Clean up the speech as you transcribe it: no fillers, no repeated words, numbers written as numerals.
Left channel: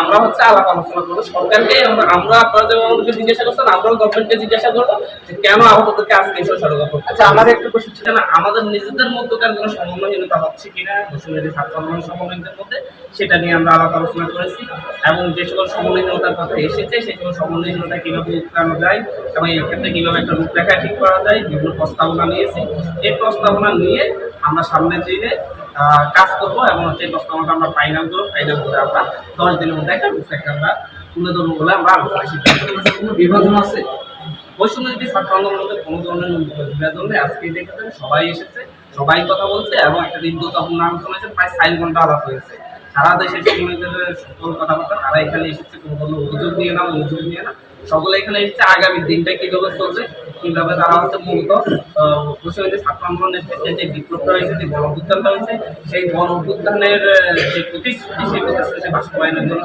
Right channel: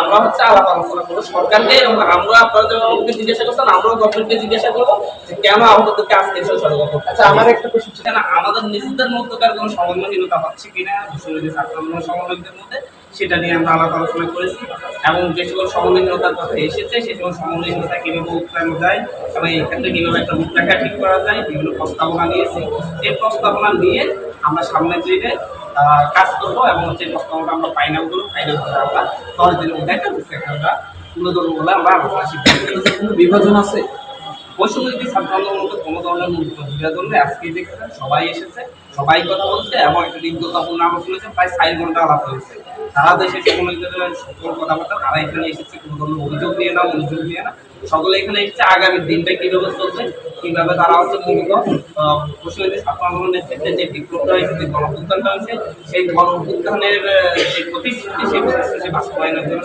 আমরা হচ্ছে আলাপ আলোচনা করবো সরকারকে, এবং আমরা আপনারা যেমন আমাদেরকে জিজ্ঞাসা করছেন আমরাও গভর্নমেন্টকে জিজ্ঞাসা করবো যে কেন আহতদেরকে আজকে এসে সড়ক অবরোধ। আচ্ছা, আমার একটা প্রশ্ন ছিল। কেন আমাদের নিজেদের মধ্যকার কোনো সমন্বয়হীনতা হচ্ছে কিনা বৈষম্যবিরোধী ছাত্র আন্দোলনের সমন্বয়কদের মধ্যে, সেটা নিয়ে আমরা আলাপ আলোচনা করেছি। এবং যে সকল সমন্বয়হীনতার কথা এসেছে সেই সকল সমন্বয়হীনতা কীভাবে উত্তরানো যায় এবং এই ক্ষেত্রে কীভাবে একটা রূপরেখা ঠিক করা যায় বিভিন্ন প্রস্তাবনা নিয়েছি। এই প্রস্তাবনা নিয়ে আমরা সামনের দিনে কাজ করবো এবং হচ্ছে এই প্রস্তাবনাটা আমরা ফাইনাল করবো। ফাইনাল করে আমরা 10 দিনের মধ্যে একটা রূপরেখা আমরা তুলে ধরবো বলে আমরা আলোচনা সিদ্ধান্ত করেছি। কোনো বিভাজন আছে? বৈষম্যবিরোধী ছাত্র আন্দোলনের মধ্যে কোনো ধরনের ন্যূনতম বিভাজন নেই। আজকেই দেখেছেন সবাই এসেছে, সবাই কথা বলছে এবং একটা হৃদ্যতাপূর্ণ আলোচনা হয়েছে, প্রায় 4 ঘন্টা আলাপ হয়েছে। সারা দেশে সমন্বয়কদের সকল কথাবার্তা, তারা এখানে এসেছে কোনো ধরনের অভিযোগ নিয়ে না, অভিযোগ নিয়ে না, সকলে এখানে এসেছে আগামী দিনটা কীভাবে চলছে, কীভাবে তারা হচ্ছে মূলত বৈষম্যবিরোধী ছাত্র আন্দোলনের ক্ষেত্রে যে বিপ্লবটা হয়েছে, যে গণ অভ্যুত্থানটা হয়েছে, সেই গণ অভ্যুত্থানের যে প্রতিশ্রুতি, সেই প্রতিশ্রুতি বাস্তবায়নের জন্য